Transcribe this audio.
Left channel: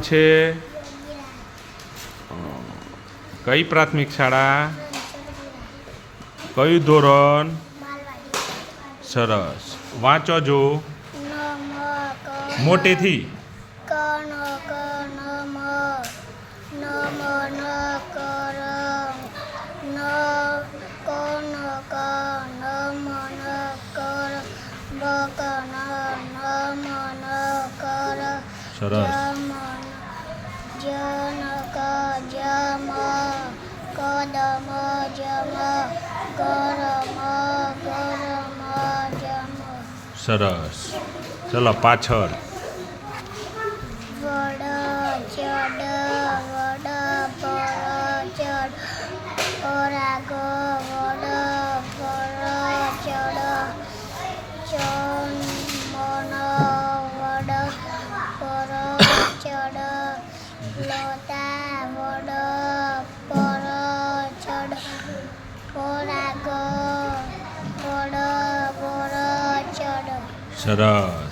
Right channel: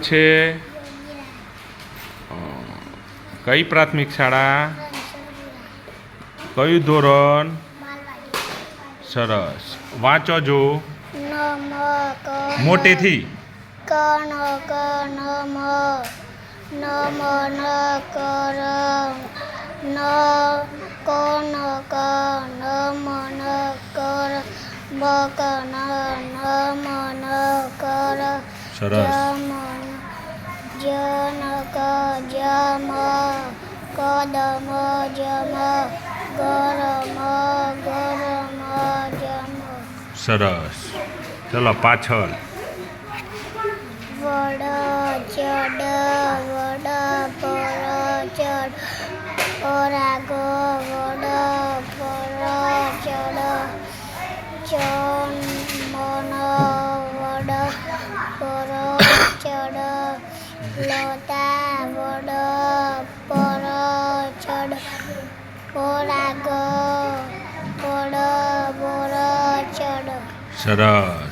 છે કઈ પ્રાથમિક શાળા, કયું ધોરણ? સરસ. વાંચો જો મોટેથી. સરસ. સરસ. ચલો પાછળ. સરસ.